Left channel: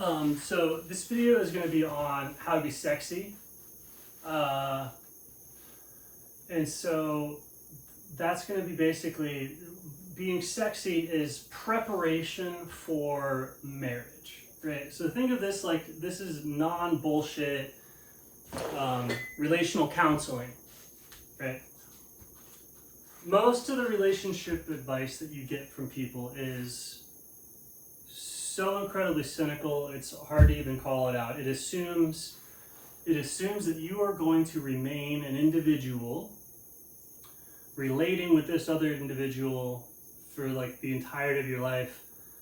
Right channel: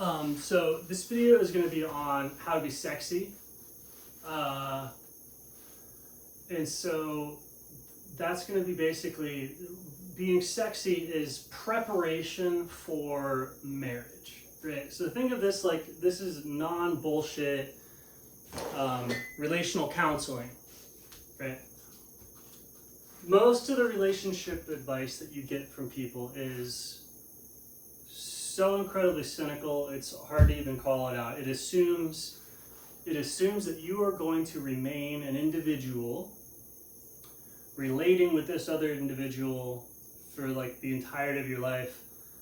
So this video is going to be on how to be sexy. And so that's going to be basically being sexy is preparation for marriage, right? So think of this like this is non-bullshit relational counseling, right? Most of the relationship advice that you get from people is so incredibly cynical, it's hard to even call it out. It assumes that you are going to remain an individual relating with this other individual for like the entirety of your life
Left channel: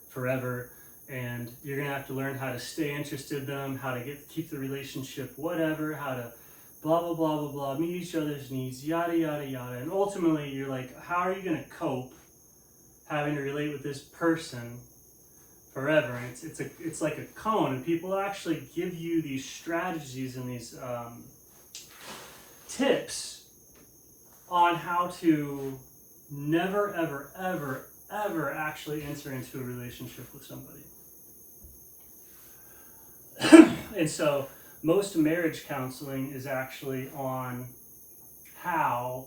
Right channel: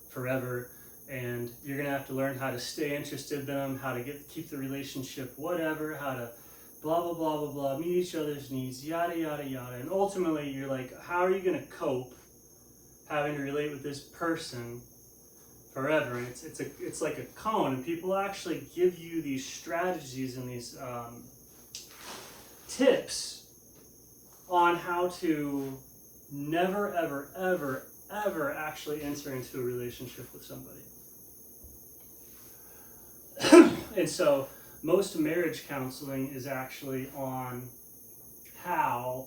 forever, and you're gonna have to learn how to stay interested in them, how to keep the relationship whatever, how to blah blah blah blah blah, meet each other's needs, yada yada yada. And ultimately you're like, how are you gonna cope having to relate with this person forever? And it's like a cone, and people actually give you these strategies and these tips on how to never ever ever ever actually enter into a relationship with somebody. And so most marriage counseling is actually on how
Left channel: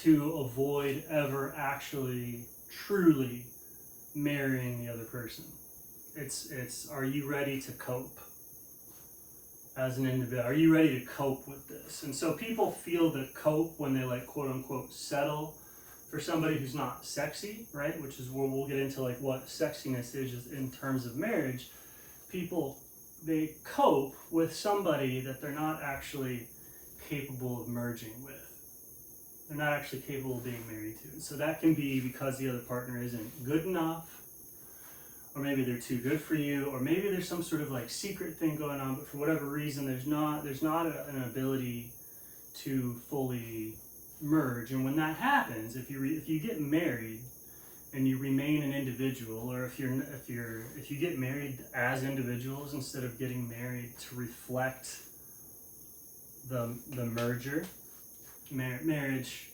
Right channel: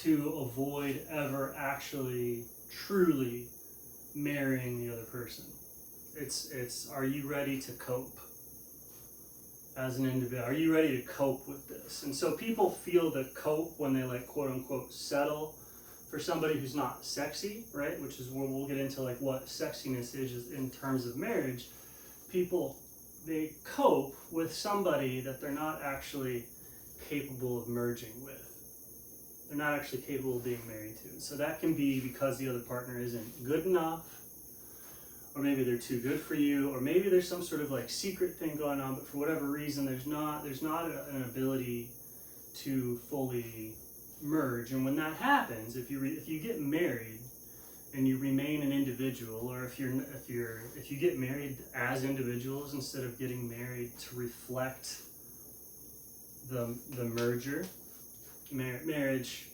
to avoid ever actually truly marrying the other person. It's are you ready to cope as an individual? Are you ready to cope with this? And so people feel the cope when they like quote unquote settle for somebody who's not sexy, right? Which is where we'll get into like what sexiness is in terms of marriage. People, they cope with somebody that they're not actually capable of merging with. They're not actually capable of being married to. And so that can be because the other partner isn't good enough, or maybe they're too good for you, or maybe there's some sort of like secret thing going on, but for whatever reason there's not an ability to fully merge. And when that happens, if you get married and you remain an individual, or if you get married as individuals instead of getting married to reflect the merger, marriage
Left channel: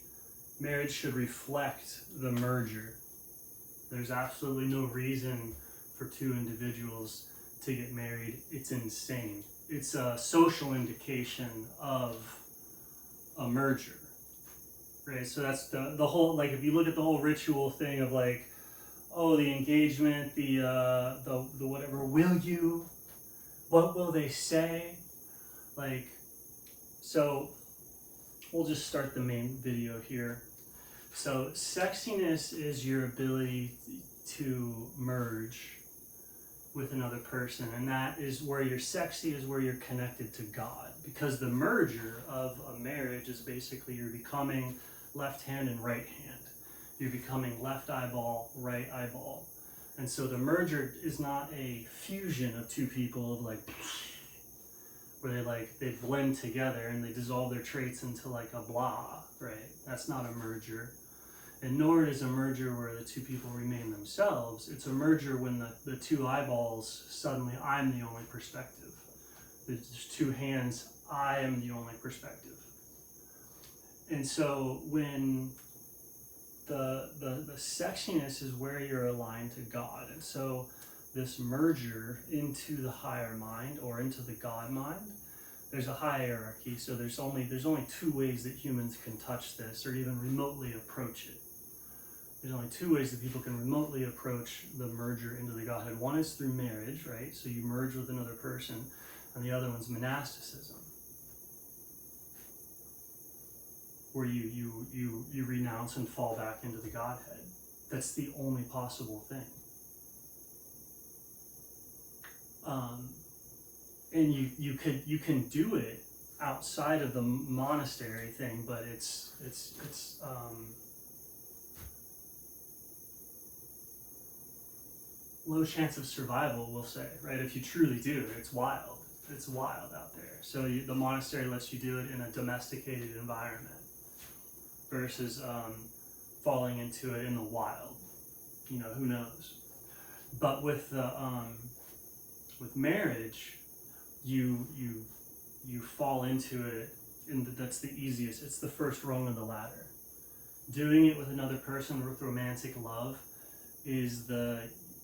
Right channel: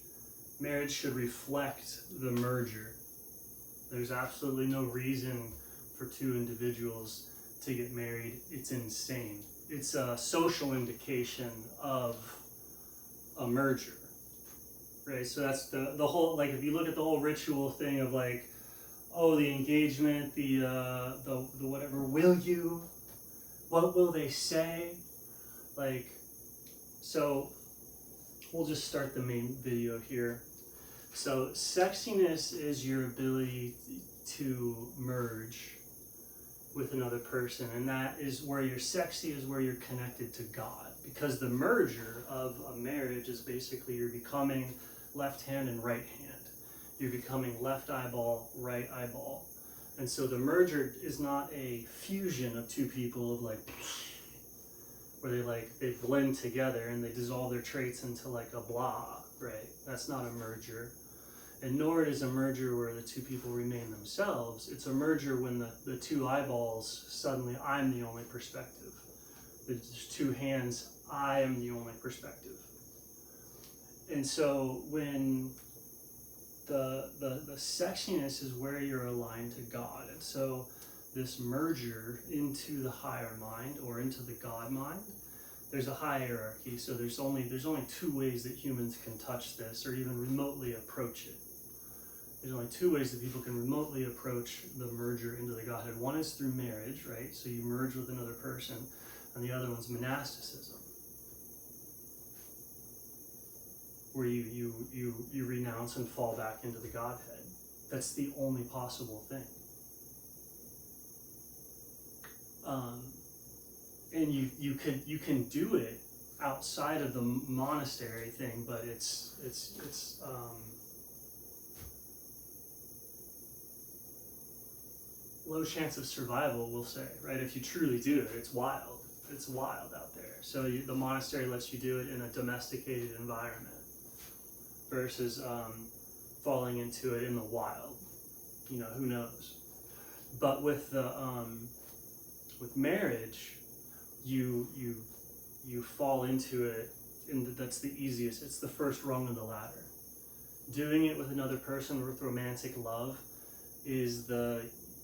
should reflect the merger. There's absolutely no reason for two individuals to get married. It's insane. It's a social indication of a merger, right? So that's the whole, like if you look at the whole ritual thing of like, oh, the engagement, the whatever, will you, what will they say? Like, so we'll just start the main video here. So sexiness is your ability to merge with another person, and that is where you're sexy, is where you're connected to God, because the merger of a marriage is basically you're becoming left hand and right hand. You're becoming left eyeball, right eyeball. And so the merger is not a fusion of two people of like, where they blend together and they dissolve their traits into like a blah, right? That's not a merger. And nor is a merger where the two people remain themselves. It's a merger when the two eyeballs, suddenly I'm the only perspective. There's two hands, I am the only perspective. And so when the sexiness is where you're aligned to God. And so this merger into the higher mind or into the God mind, there's a hierarchy. So there's only two ways that humans can touch this or even remotely approach it. There's only two ways that people can remotely approach the merger into the Godhead. One is through marriage, right? So you merge with another person, and the other one's monasticism, where you renounce and fall back into the Godhead. That's the only possible thing. And you can do it outside of the monastery thing, but it's low chance of survival, we'll say, right? If you truly do it, it's wild out there. So the monastery lets you do it in a domesticated environment versus falling into it in the wild. You know, who knows? But with the with marriage, you fall into it, and that's the easiest. It's the first rung of the ladder. Doing it with another person with romantic love is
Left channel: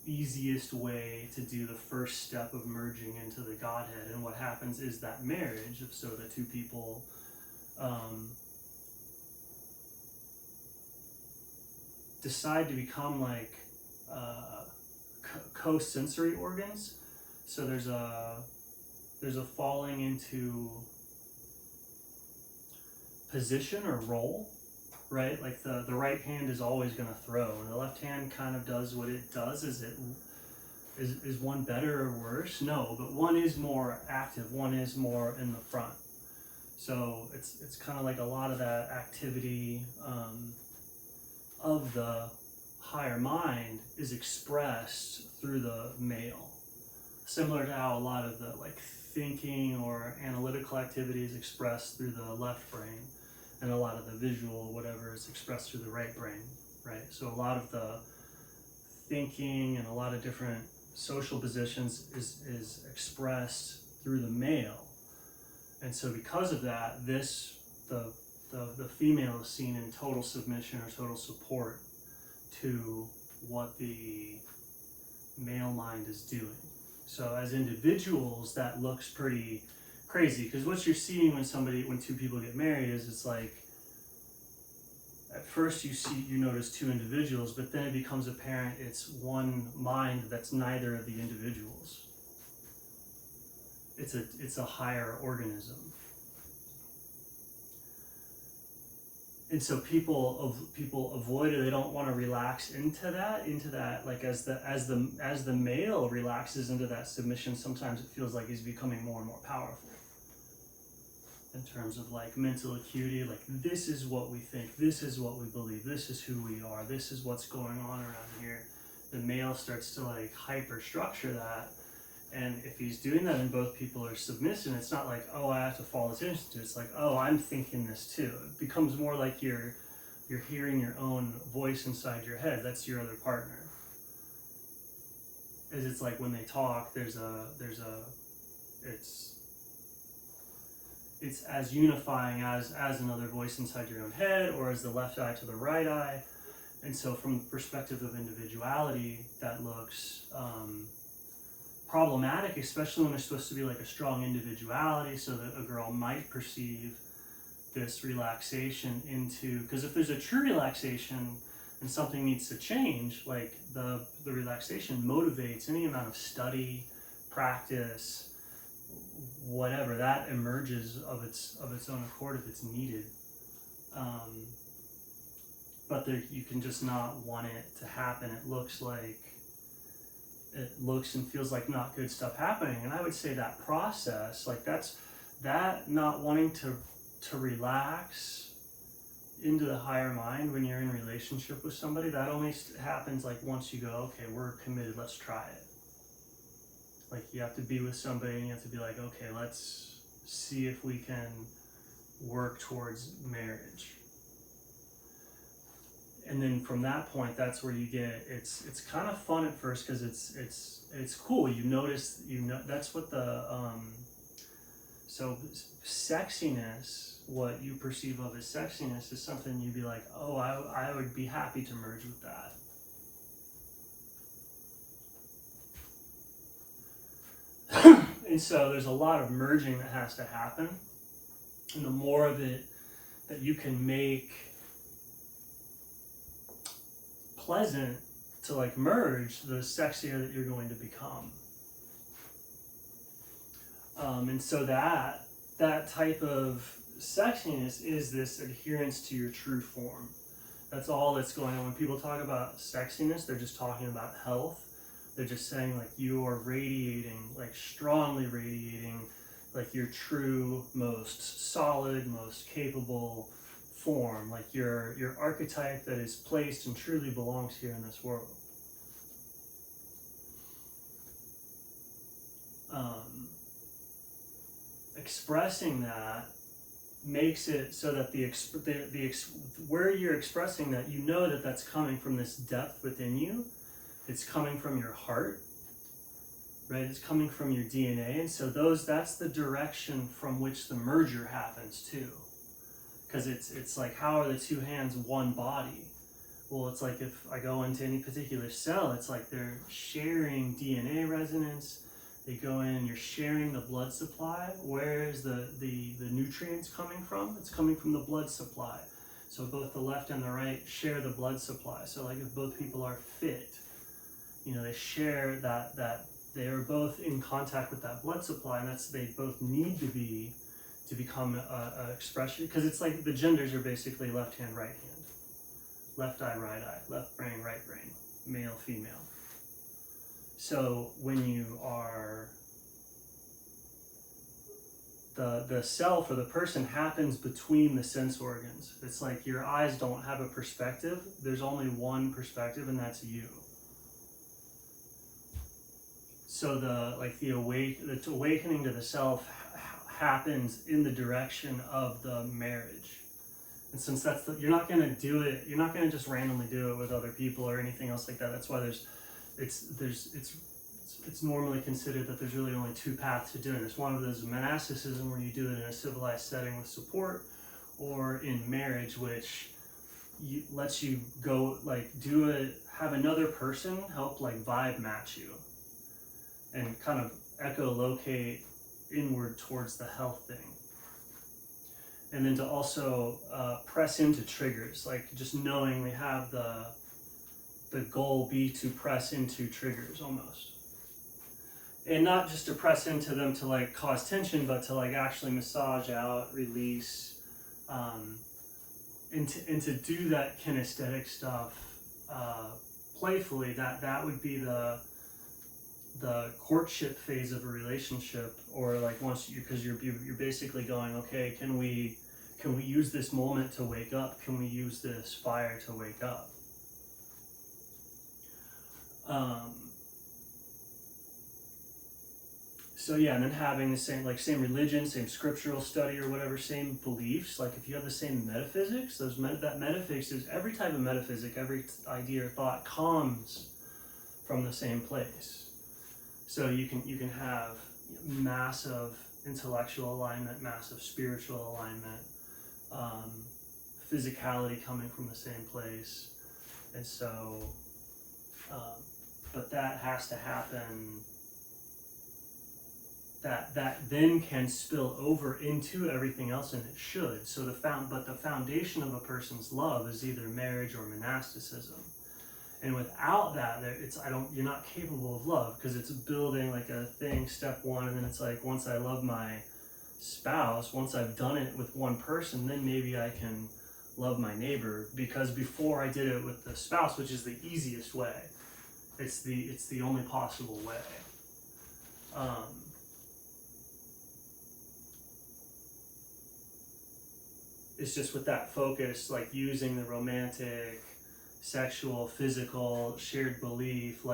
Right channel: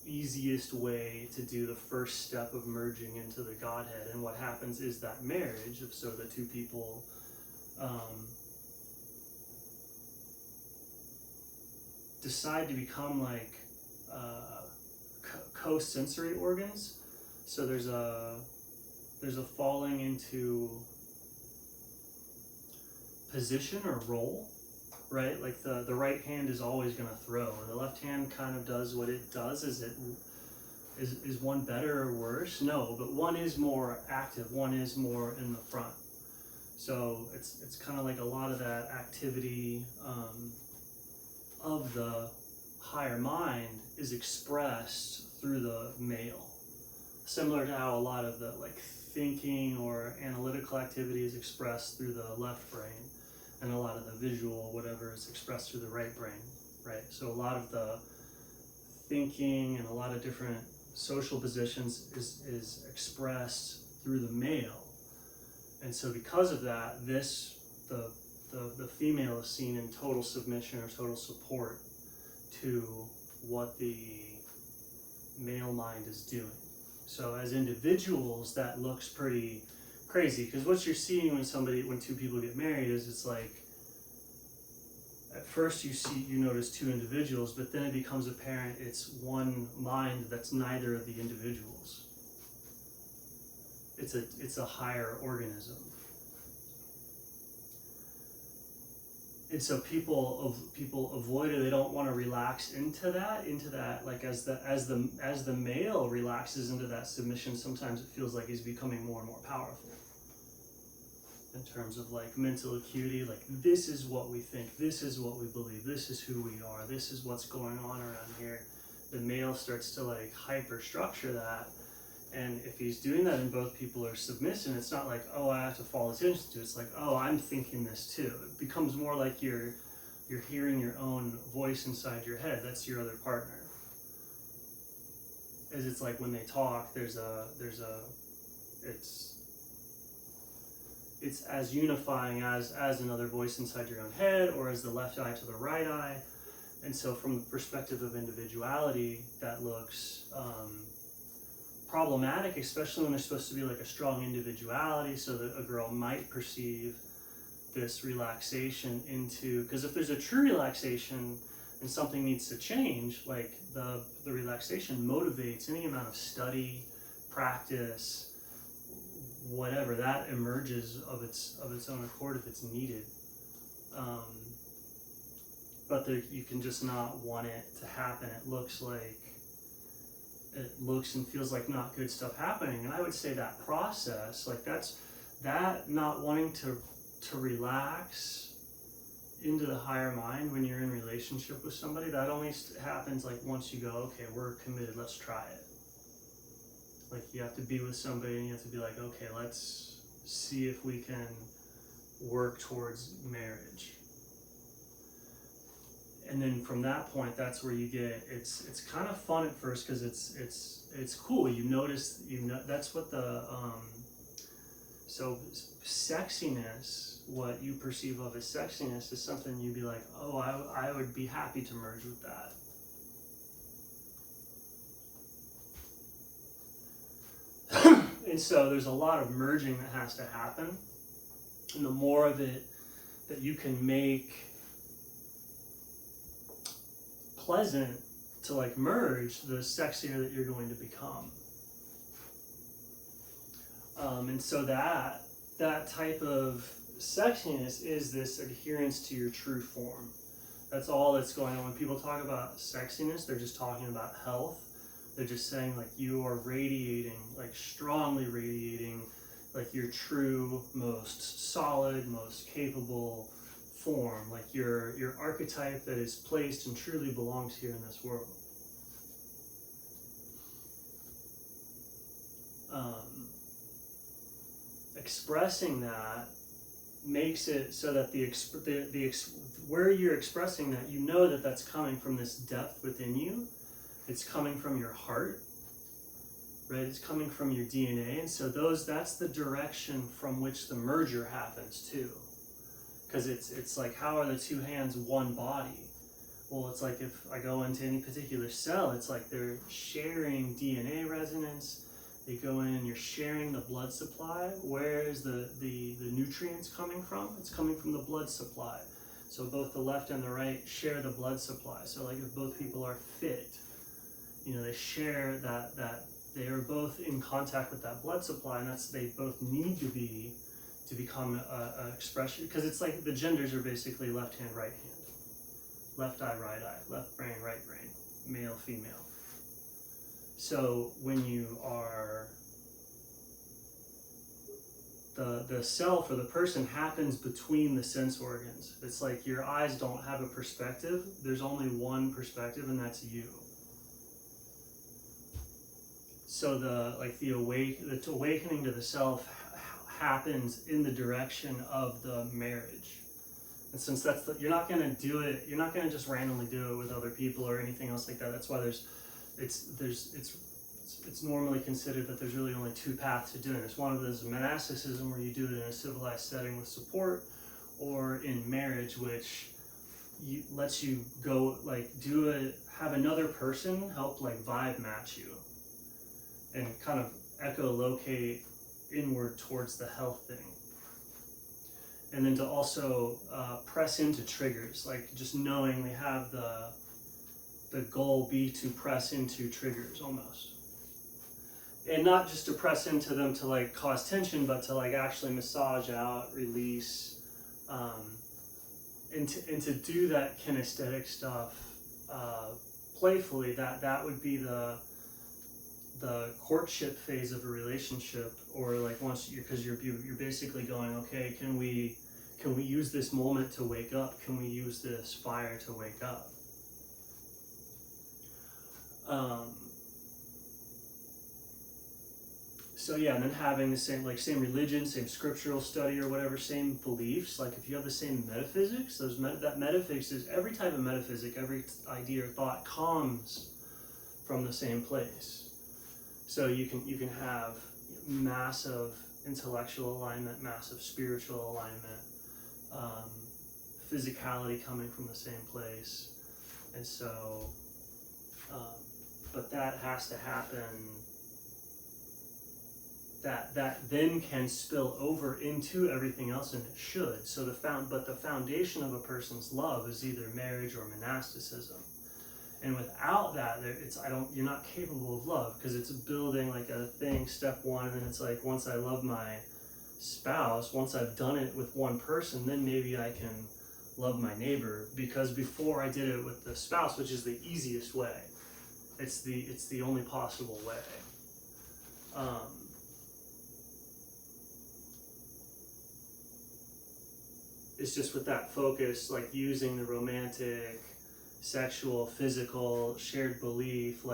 easiest way to do the first step of merging into the Godhead. And what happens is that marriage, if so the two people decide to become like co-sensory organs. So there's a falling into position or role, right? Like the right hand is always going to throw, and the left hand kind of does what it does. Is one better or worse? No, but one is more active, one is more in the front. So it's kind of like a lot of that activity of the higher mind is expressed through the male, similar to how a lot of the like thinking or analytical activity is expressed through the left brain, and a lot of the visual whatever is expressed through the right brain, right? So a lot of the thinking and a lot of different social positions is expressed through the male. And so because of that, the female is seen in total submission or total support to what the male mind is doing. So as individuals, that looks pretty crazy, because what you're seeing when two people get married is it's like, at first you notice two individuals, but then it becomes apparent it's one mind that's neither of the individuals. It's a higher organism. And so people avoid it. They don't want to relax into that. Like as the male relaxes into that submission, sometimes it feels like he's becoming more and more powerful in terms of like mental acuity. Like, this is what we think, this is what we believe, this is who we are, this is what's going on around here. The male starts to like hyper structure that. And if he's doing that and both people are submissive, it's not like, oh, I have to follow this institute. It's like, oh, I'm thinking this too. It becomes more like you're hearing your own voice inside your head. That's your other partner. As it's like when they talk, it's as unifying as another voice inside your own head, or as the left eye to the right eye. And so from the perspective of individuality, that looks problematic, especially when there's supposed to be like a strong individuality, so that a girl might perceive this relaxation into, because if there's a true relaxation and something needs to change, like the relaxation motivates any amount of study, practice, whatever, that emerges of its own accord if it's needed. But you can just not want it to happen. It looks and feels like not good stuff happening. And I would say that process, like that not wanting to relax into the higher mind when you're in relationship with somebody, that only happens like once you go, okay, we're committed, let's try it. Like you have to be with somebody and you have to be like, okay, let's see if we can work towards marriage. And then from that point, that's where you get it's kind of fun at first, because it's cool. You notice that's what so sexiness, what you perceive of as sexiness, is something you'd be like, oh, I would be happy to merge with that. And so there's a lot of merging that has to happen, and the more of it that you can make pleasant to like merge, the sexier that you're going to become. And so that type of sexiness is this adherence to your true form. That's all that's going on. When people talk about sexiness, they're just talking about health. They're just saying like you are radiating, like strongly radiating, like your true, most solid, most capable form, like your archetype that is placed and truly belongs here in this world. Expressing that makes it so that where you're expressing that, you know that that's coming from this depth within you. It's coming from your heart, right? It's coming from your DNA, and so that's the direction from which the merger happens too. Because it's like, how are the two hands one body? Well, it's like if I go into any particular cell, it's like they're sharing DNA resonance. They go in and you're sharing the blood supply. Where is the nutrients coming from? It's coming from the blood supply. So both the left and the right share the blood supply. So like if both people are fit, they share that they are both in contact with that blood supply, and they both need to be to become a expression, because it's like the genders are basically left hand, right hand, left eye, right eye, left brain, right brain, male, female. So when you are, the self or the person happens between the sense organs. It's like your eyes don't have a perspective. There's only one perspective, and that's you. So the awakening to the self happens in the direction of the marriage. And since you're not going to do it, you're not going to just randomly do it with other people or anything else like that. That's why it's normally considered that there's really only two paths to doing this. One of them is monasticism, where you do it in a civilized setting with support, or in marriage, which lets you go have another person help vibe match you and kind of echolocate inward towards the health thing. And then to also press into triggers, like just knowing they have the goal be to press into triggers almost. And not just to press into them to cause tension, but to actually massage out, release, and to do that kinesthetic stuff playfully. That would be the courtship phase of a relationship, or once because you're basically going, okay, can we use this moment to wake up? Can we use this fire to wake up? So yeah, and then having the same religion, same scriptural study or whatever, same beliefs. Like if you have the same metaphysics, that metaphysics is every type of metaphysic, every idea or thought comes from the same place. So you can have massive intellectual alignment, massive spiritual alignment, physicality coming from the same place, and so, but that has to happen. That then can spill over into everything else, and it should. So but the foundation of a person's love is either marriage or monasticism. And without that, you're not capable of love, because it's building a thing, step one, and then it's once I love my spouse, once I've done it with one person, then maybe I can love my neighbor, because before I did it with the spouse, which is the easiest way, it's the only possible way. It's just with that focus, using the romantic, sexual, physical, shared belief,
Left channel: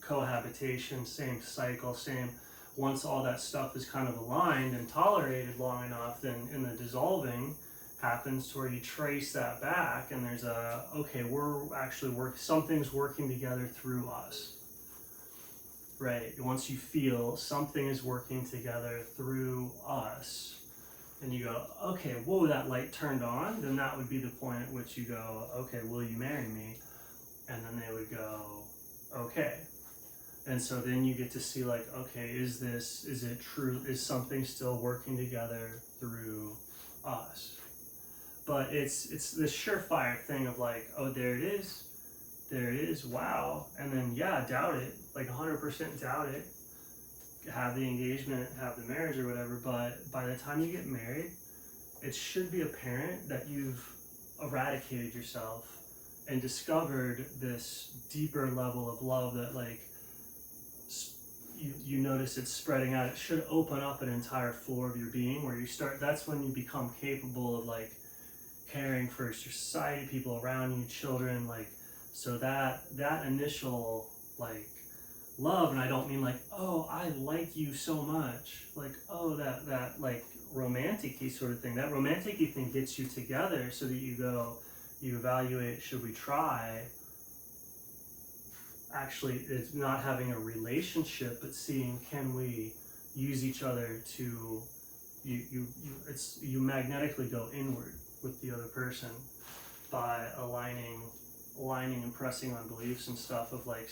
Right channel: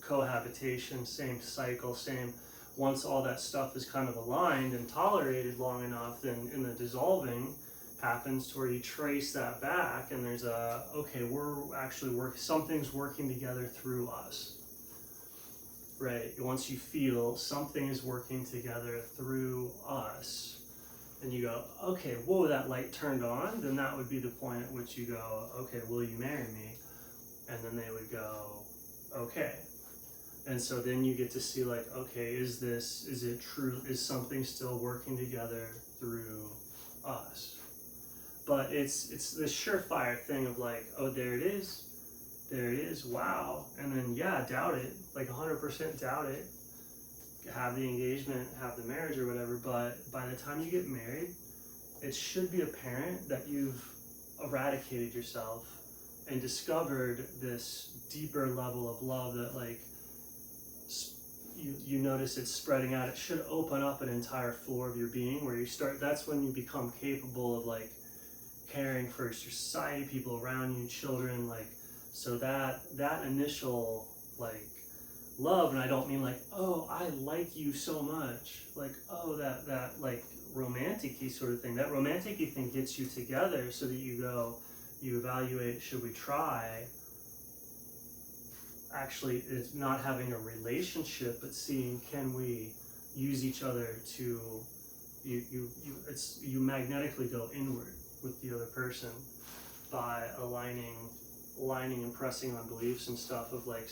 cohabitation, same cycle, once all that stuff is kind of aligned and tolerated long enough, then in the dissolving happens to where you trace that back, and there's something's working together through us. Right, once you feel something is working together through us, and you go, okay, whoa, that light turned on, then that would be the point at which you go, okay, will you marry me? And then they would go, okay. And so then you get to see okay, is it true? Is something still working together through us? But it's this surefire thing of oh, there it is, wow. And then, yeah, doubt it, 100% doubt it. Have the engagement, have the marriage or whatever, but by the time you get married, it should be apparent that you've eradicated yourself and discovered this deeper level of love that you notice it's spreading out. It should open up an entire floor of your being, where that's when you become capable of caring for your society, people around you, children, so that initial love, and I don't mean oh, I like you so much, oh, that romantic-y sort of thing. That romantic-y thing gets you together so that you evaluate, should we try? Actually, it's not having a relationship, but seeing, can we use each other to, you magnetically go inward with the other person by aligning aligning and pressing on beliefs and stuff of like,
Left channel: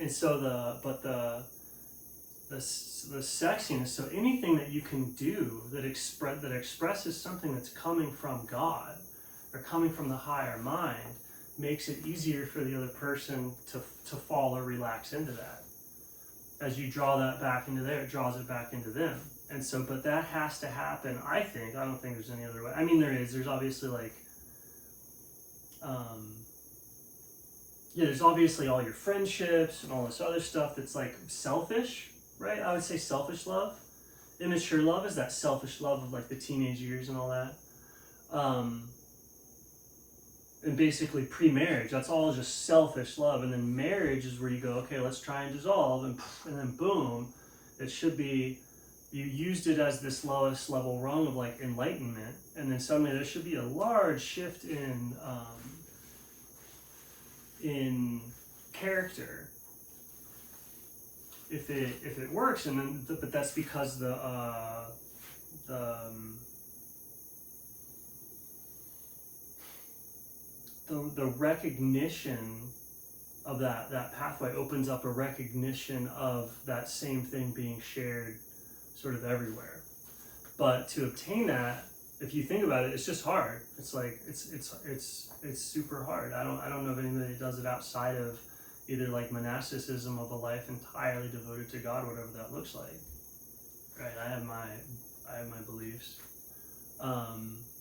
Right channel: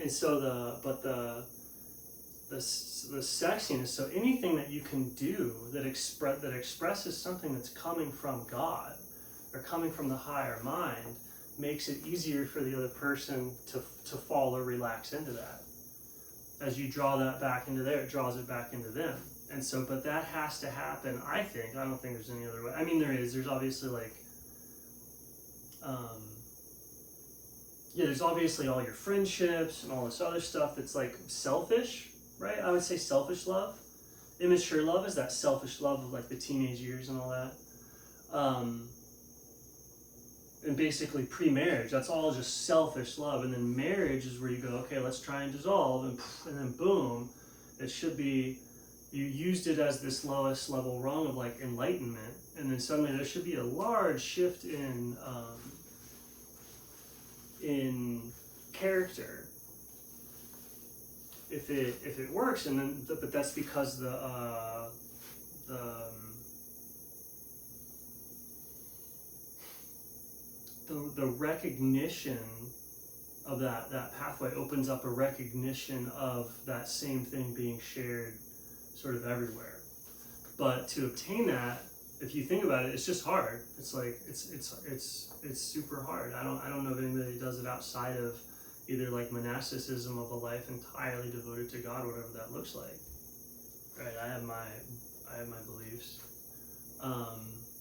and so the sexiness, so anything that you can do that expresses something that's coming from God or coming from the higher mind makes it easier for the other person to fall or relax into that. As you draw that back into there, it draws it back into them. And so, but that has to happen, I think. I don't think there's any other way. I mean, there's obviously like, there's obviously all your friendships and all this other stuff that's like selfish, right? I would say selfish love. Immature love is that selfish love of like the teenage years and all that. And basically pre-marriage, that's all just selfish love. And then marriage is where you go, okay, let's try and dissolve, and then boom, it should be, you used it as this lowest level rung of like enlightenment, and then suddenly there should be a large shift in character if it works. And then but that's because the recognition of that pathway opens up a recognition of that same thing being shared sort of everywhere. But to obtain that, if you think about it, it's just hard. It's like it's super hard. I don't know of anybody that does it outside of either like monasticism of a life entirely devoted to God, whatever that looks like. Right? I have my beliefs.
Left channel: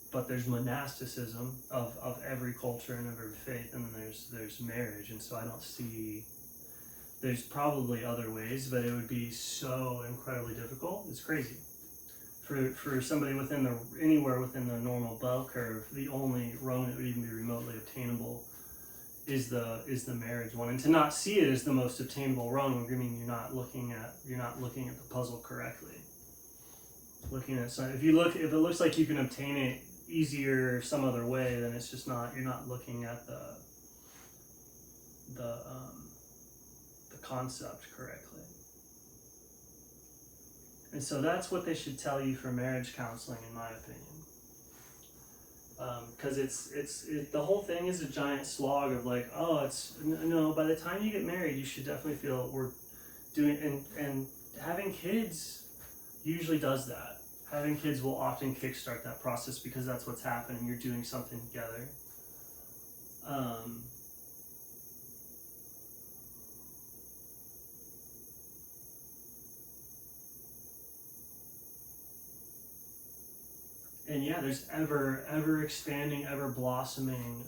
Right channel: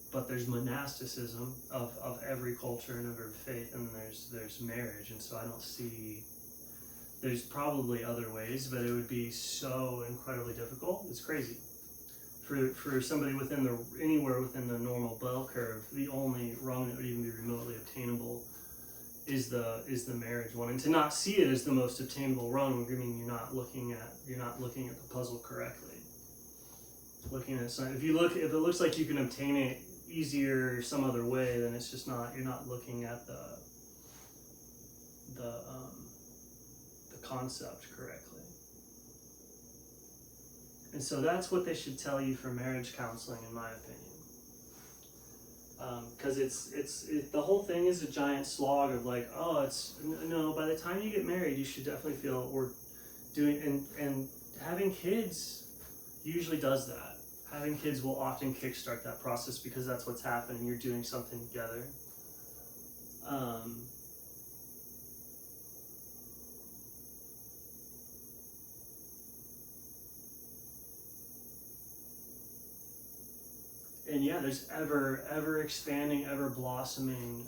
But there's monasticism of every culture and every faith, and then there's marriage. And so I don't see, there's probably other ways, but it would be so incredibly difficult. It's crazy. For somebody anywhere within the normal bell curve, the only rung that would even be remotely obtainable is the marriage one. And to not see it as the most obtainable rung, I mean you're not looking at the puzzle correctly. Looking at something, if it looks like you can obtain it easier some other way, then it's just not, you're not looking at the concept correctly. And so that's what they should tell you for marriage counseling, in my opinion. Because the whole thing is a giant slog of like, no, by the time you get married, you should definitely feel we're doing, and having kids usually does that. Having kids will often kickstart that process because that's what's happening. You're doing something together. And yeah, there's ever expanding, ever blossoming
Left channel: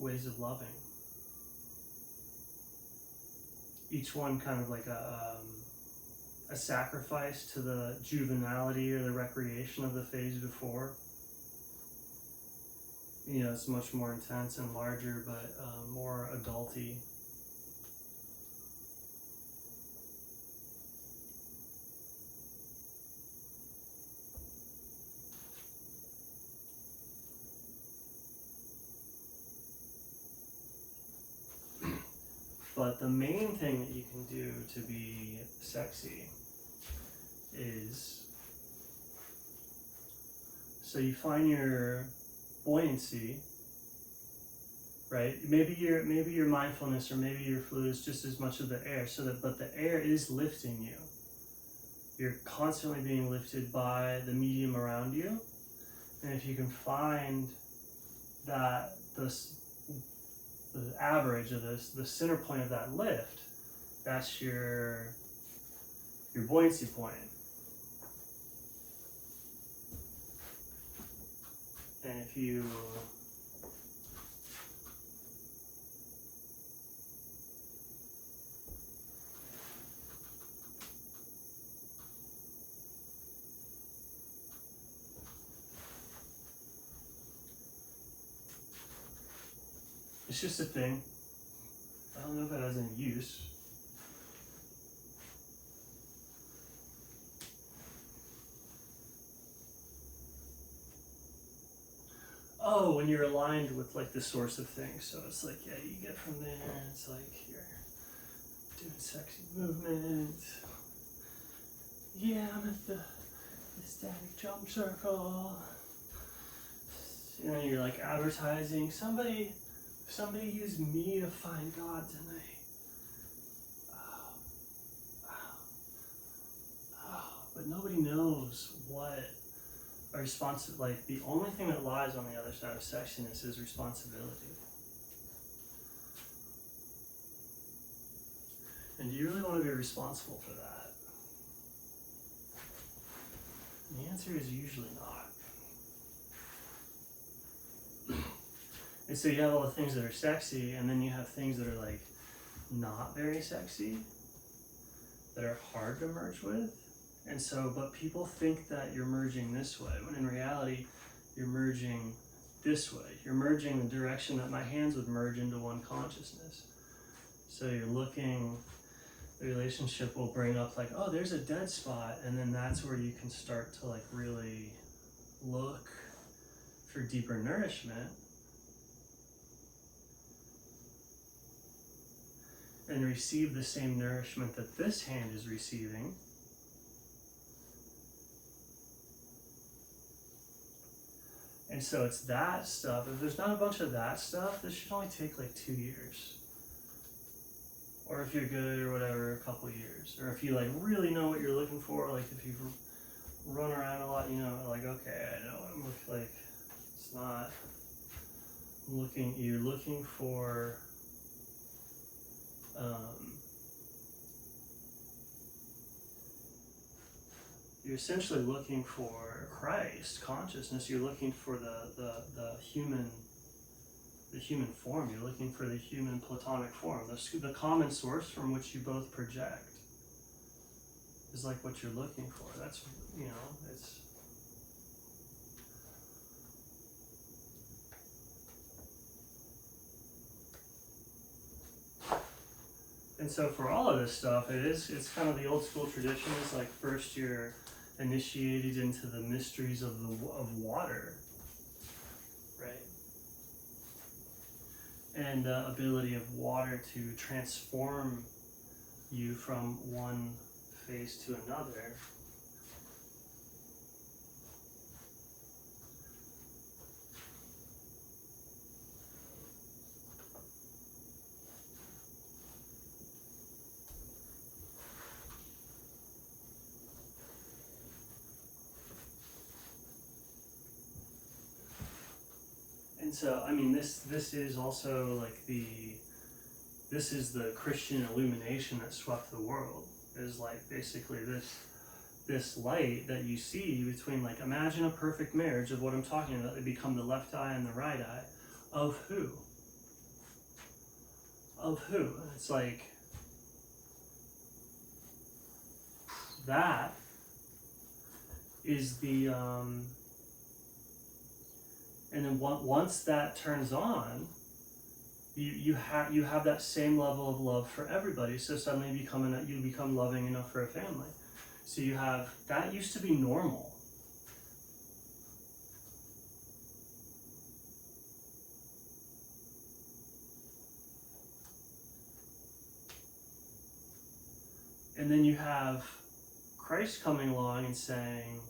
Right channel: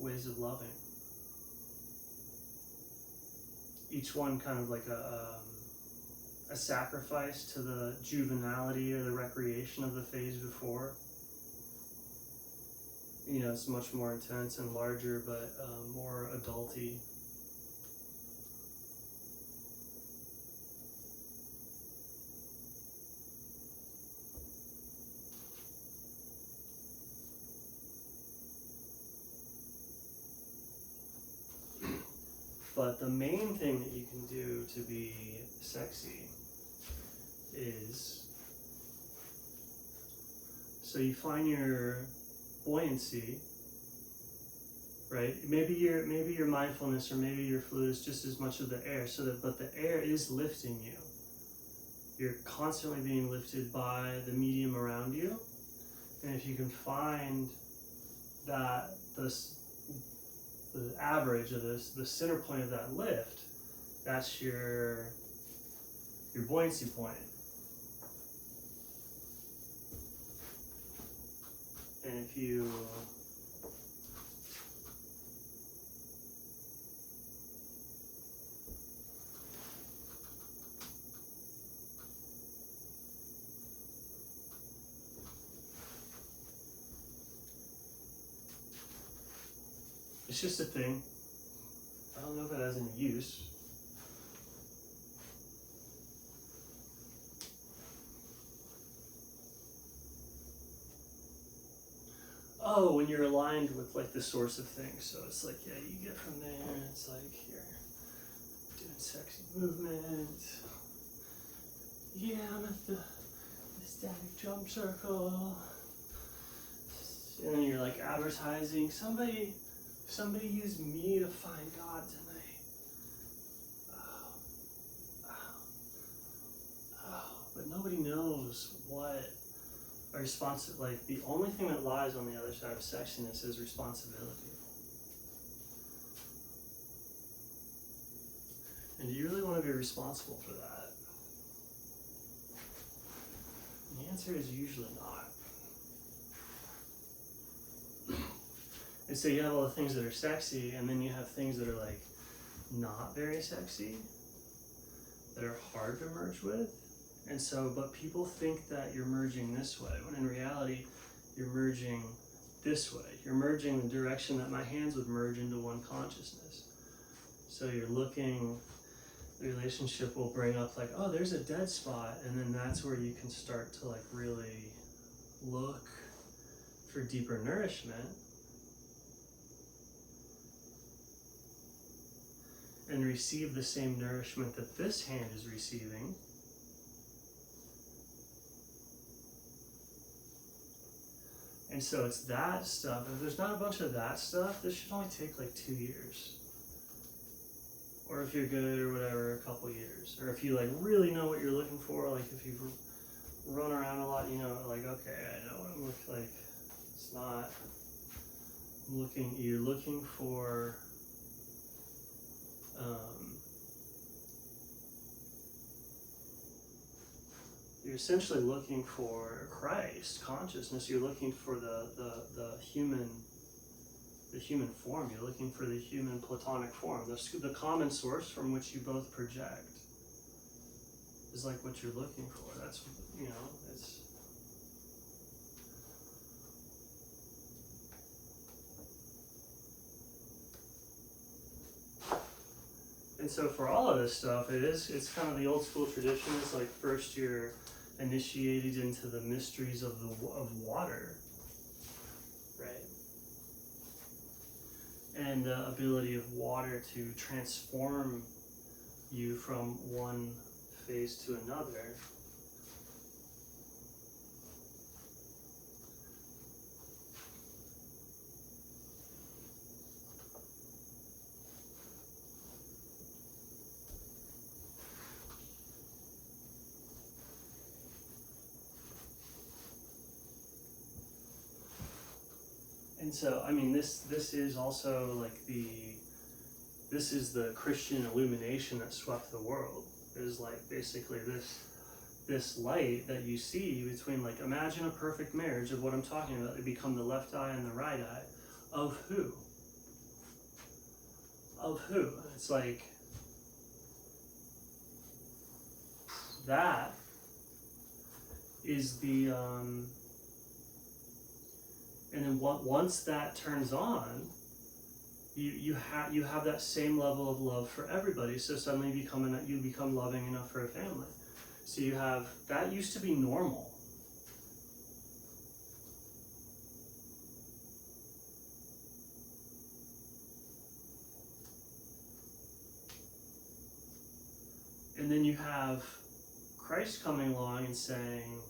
ways of loving. Each one kind of like a sacrifice to the juvenility or the recreation of the phase before. You know, it's much more intense and larger, but more adulty. But the main thing that you can do to be sexy is, so you find your buoyancy, right? Maybe your mindfulness or maybe your fluid is just as much of the air, but the air is lifting you. You're constantly being lifted by the medium around you. And if you can find that the average of the center point of that lift, that's your buoyancy point. And if you it's just a thing. I don't know if it has any use. Oh, when you're aligned with like the source of things. So it's like, yeah, you get from there, it's like you're doing sexy movement. Yeah, I'm at the static jump circle. and you're like advertising, somebody use me to find God tonight. But nobody knows what a like the only thing that lies on the other side of sexiness is responsibility. And do you really want to be responsible for that? And the answer is usually not. And so you have all the things that are sexy, and then you have things that are like not very sexy, that are hard to merge with. And so, but people think that you're merging this way, when in reality, you're merging this way. You're merging the direction that my hands would merge into one consciousness. So you're looking, the relationship will bring up like, oh, there's a dead spot. And then that's where you can start to like really look for deeper nourishment. And receive the same nourishment that this hand is receiving. And so it's that stuff. If there's not a bunch of that stuff, this should only take like 2 years. Or if you're good or whatever, a couple years. Or if you like really know what you're looking for, like if you've run around a lot, you know, like, okay, I know what I'm looking like. It's not you're looking for you're essentially looking for Christ consciousness. You're looking for the human form. You're looking for the human platonic form, the common source from which you both project is like what you're looking for. That's, you know, it's and so for all of this stuff, it's kind of the old school tradition. It's like first you're initiated into the mysteries of water, right? And the ability of water to transform you from one phase to another. And so, I mean, this is also like this is the Christian illumination that swept the world. Is like basically this light that you see between, like, imagine a perfect marriage of what I'm talking about. They become the left eye and the right eye of who? Of who? It's like that is the and then once that turns on, you have that same level of love for everybody. So suddenly you become loving enough for a family. So you have that used to be normal. And then you have Christ coming along and saying,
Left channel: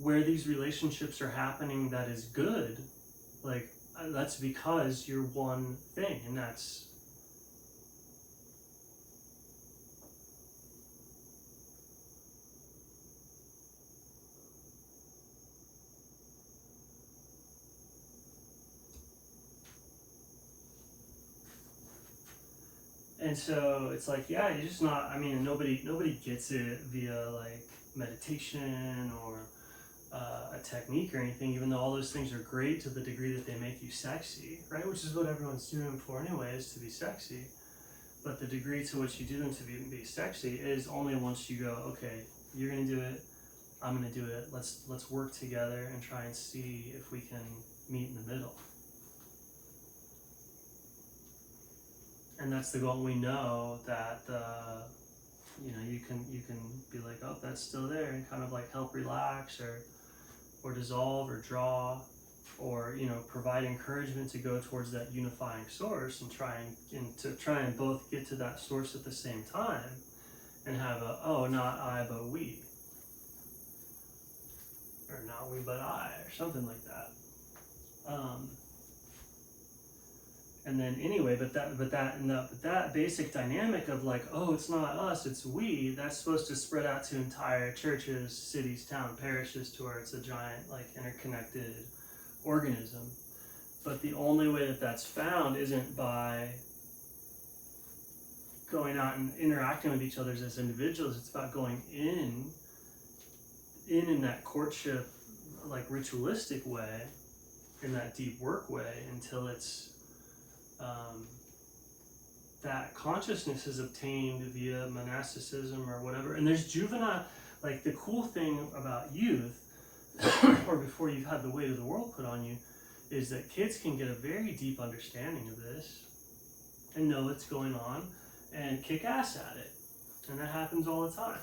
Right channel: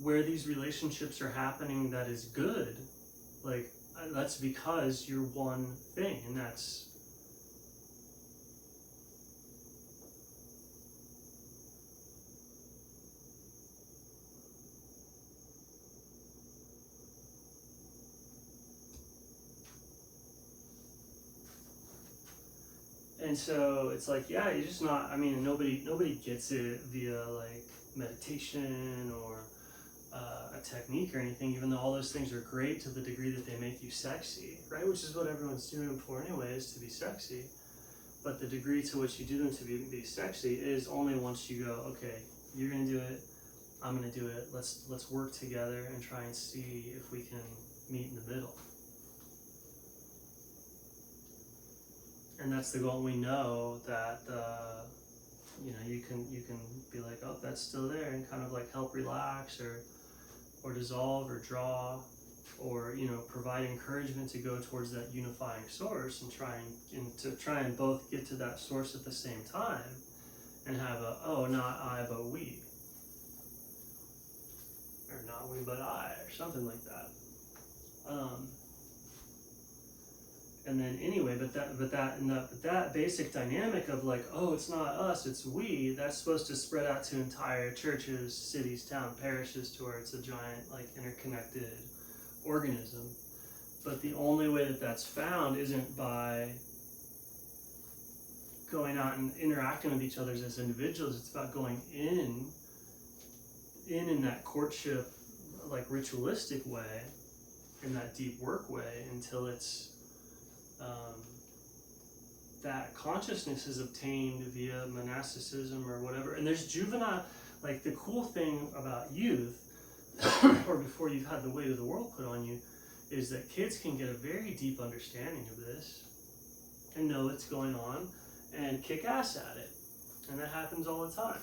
where these relationships are happening that is good, like, that's because you're one thing, and that's and so it's like, yeah, you're just not, I mean, nobody gets it via like meditation or a technique or anything, even though all those things are great to the degree that they make you sexy, right? Which is what everyone's doing them for anyway, is to be sexy. But the degree to which you do them to be sexy is only once you go, okay, you're gonna do it, I'm gonna do it, let's work together and try and see if we can meet in the middle. And that's the goal. We know that you can be like, oh, that's still there, and kind of like help relax or dissolve or draw, or provide encouragement to go towards that unifying source and try and both get to that source at the same time. and have a, oh, not I, but we. Or not we, but I, or something like that. And then anyway, but that basic dynamic of like, oh, it's not us, it's we, that's supposed to spread out to entire churches, cities, town, parishes, to where it's a giant, like, interconnected organism. But the only way that that's found isn't by going out and interacting with each other as individuals. It's about going in that courtship, like, ritualistic way, in that deep work way, until it's that consciousness is obtained via monasticism or whatever. And there's juvenile, like, the cool thing about youth, or before you've had the weight of the world put on you, is that kids can get a very deep understanding of this and know what's going on and kick ass at it. And that happens all the time.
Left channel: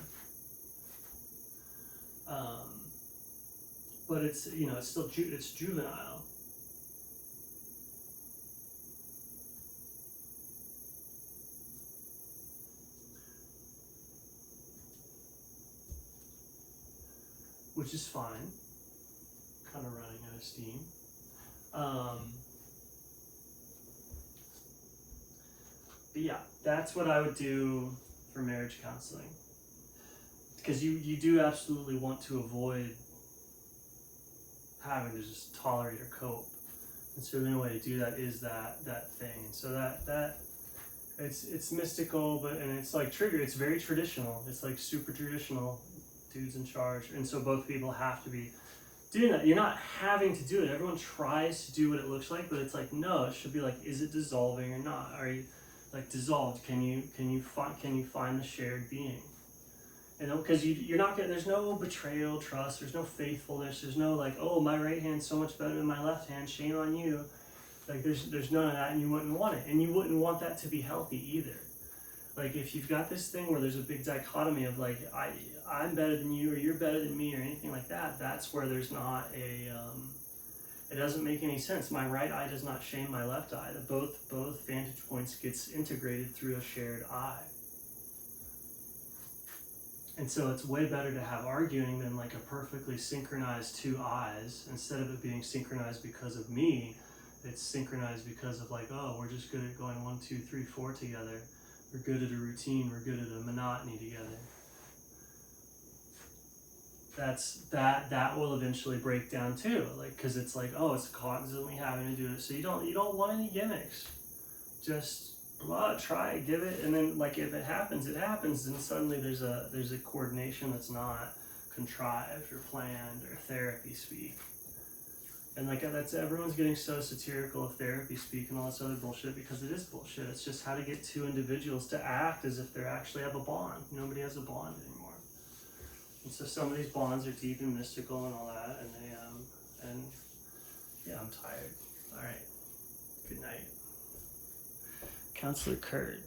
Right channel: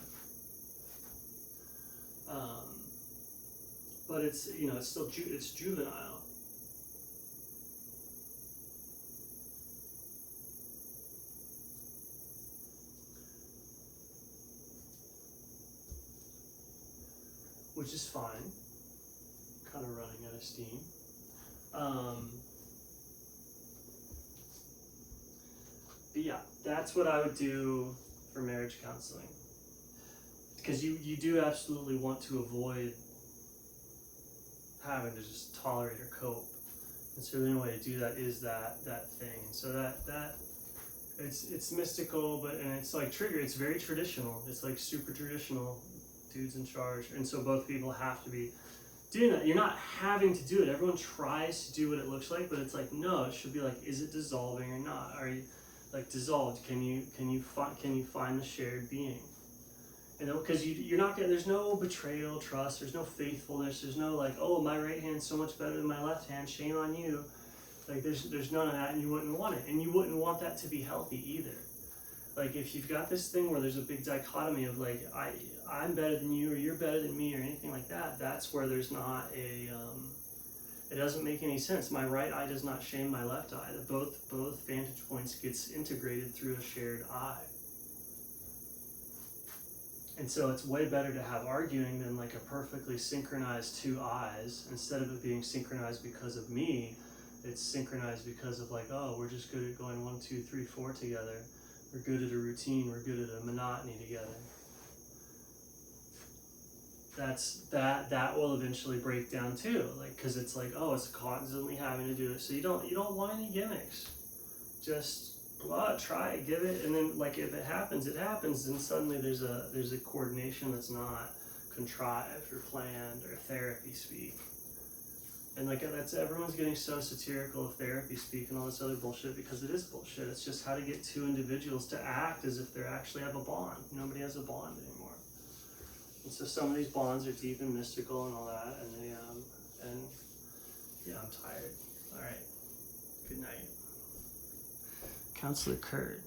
But it's, you know, it's still it's juvenile. Which is fine. Kind of running out of steam. But yeah, that's what I would do for marriage counseling. Because you do absolutely want to avoid having to just tolerate or cope. And so the only way to do that is that thing. And so that it's mystical, but and it's like it's very traditional. It's like super traditional, dudes in charge. And so both people have to be doing that. You're not having to do it. Everyone tries to do what it looks like, but it's like, no, it should be like, is it dissolving or not? Are you like dissolved? Can you find the shared being? You know, because you're not getting, there's no betrayal, trust, there's no faithfulness, there's no like, oh, my right hand's so much better than my left hand, shame on you. Like there's none of that, and you wouldn't want it, and you wouldn't want that to be healthy either. Like if you've got this thing where there's a big dichotomy of like I'm better than you or you're better than me or anything like that, that's where there's not a it doesn't make any sense. My right eye does not shame my left eye. That both vantage points gets integrated through a shared eye. And so it's way better to have arguing than like a perfectly synchronized two eyes. Instead of it being synchronized because of me, it's synchronized because of like, oh, we're just good at going 1, 2, 3, 4 together. We're good at a routine. We're good at a monotony together. That will eventually break down too. Like, cause it's like, oh, it's constantly having to do it. So you don't want any gimmicks. Just try it, give it, and then like if it happens, and suddenly there's a coordination that's not contrived or planned or therapy speak. And like everyone's getting so satirical of therapy speak and all this other bullshit because it is bullshit. It's just how to get two individuals to act as if they actually have a bond. Nobody has a bond anymore. And so some of these bonds are deep and mystical and all that, and yeah, I'm tired. All right, good night. Counselor Kurt.